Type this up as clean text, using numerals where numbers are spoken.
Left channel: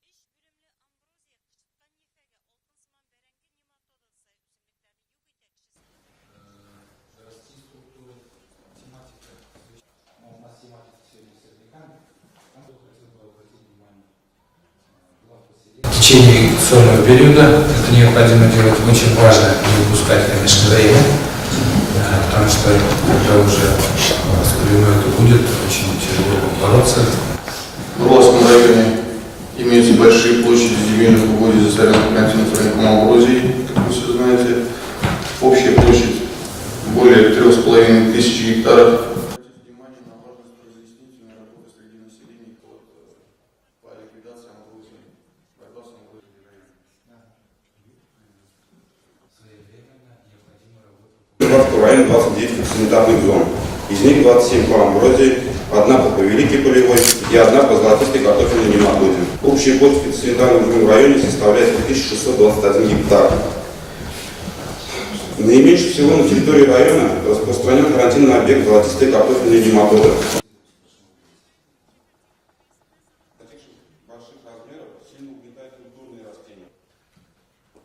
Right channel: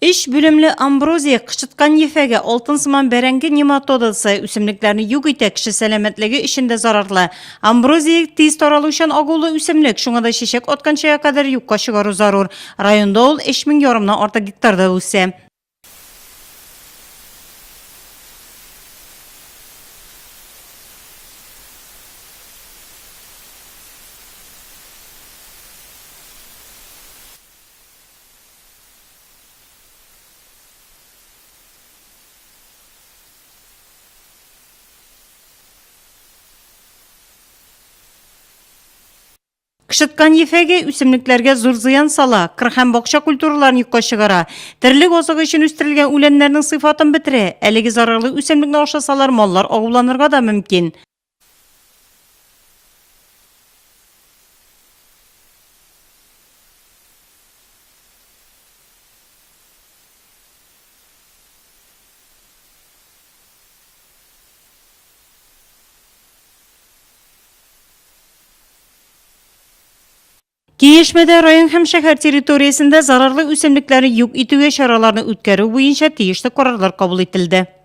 İş bölümlü Ambroziya kışıtkan yefege altın sıman berengi nematodası üsümlüklerini yok ite kişi selametligi işinde zararlı. Ambroziya tez taraluşan ağulu üsümlük şuna da şişek otkançaya kadar yukka çıgarı zarur. Rayonda ol 5000 yorumdan orta hektarda üsse. В течение сольного периода это необходимо делать очень важно не упускать, конечно, время, потому что когда уже спрямую это будет, очень тяжело бороться. В Волжском районе имеются большие площади земельных угодий засоренных континентом рынком Амброзии, как вы все знаете. Общая площадь более 3500 гектаров. Kışıtkan yefege üsümlüklerge zor ziyan sala, kırhan bokşa kulturlarını yukka çıgara. Tirlik osuğu için üstürilgen ülenlerinin sıfatını bitire. Elegi zararlı üsümlükle oşasalar mallar oğulanırga da mümkün. В районе 29 санитарных зон. Из них 27 по Амброзии, одна по Повеликой Полевой и одна по Золотистой картофельной нематоде. Общая площадь санитарных зон в районе составляет 1621 гектар. Наименьше всего на территории района распространен карантинный объект золотистой картофельной нематоды. Kiyişmede rayon hem şehir teritoriyasında zararlı üsümlükleri yok itüge şaralarını ütkeri boyunca tiyişli kararlar kabul edildi.